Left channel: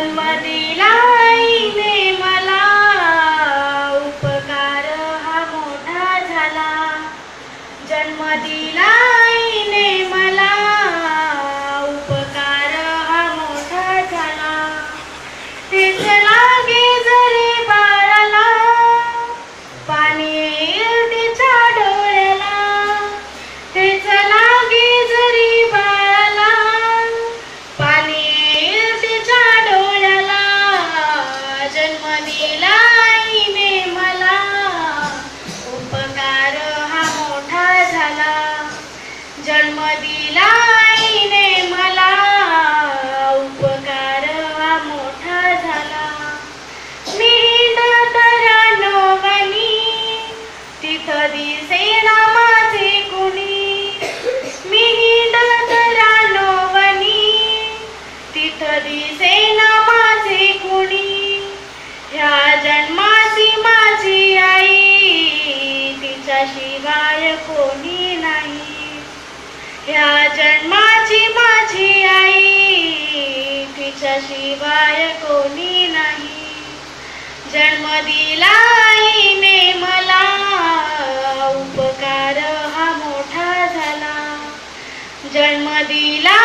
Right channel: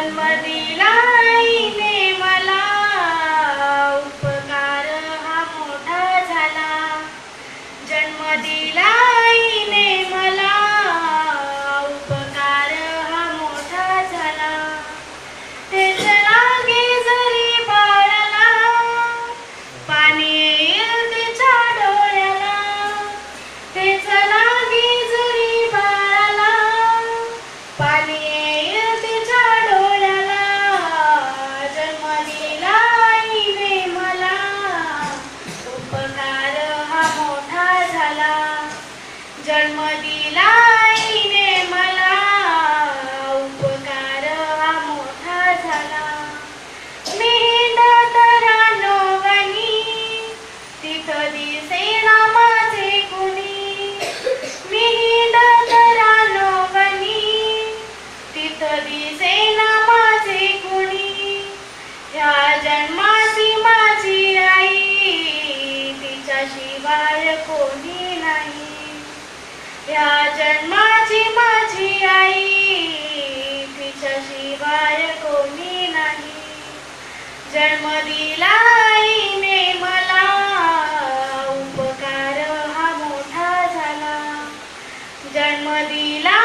जन्म दिला आईने मला, उपकार हा मोठा झाला. जन्म दिला आईने मला, उपकार हा मोठा झाला. तेच लागे जरी बाळाला, पाणी येईल तिच्या डोळ्याला. तेच लागे जरी बाळाला, पाणी येईल तिच्या डोळ्याला. जन्म दिला आईने मला, उपकार हा मोठा झाला. जन्म दिला आईने मला, उपकार हा मोठा झाला. मी हिंडत रानवनी, तिथं दिसेना माझे कुणी. मी हिंडत रानवनी, तिथं दिसेना माझे कुणी. ह्या जन्माची माझी आई, तिच्याशिवाय कोणी नाही. ह्या जन्माची माझी आई, तिच्याशिवाय कोणी नाही. जन्म दिला आईने मला, उपकार हा मोठा झाला. जन्म दिला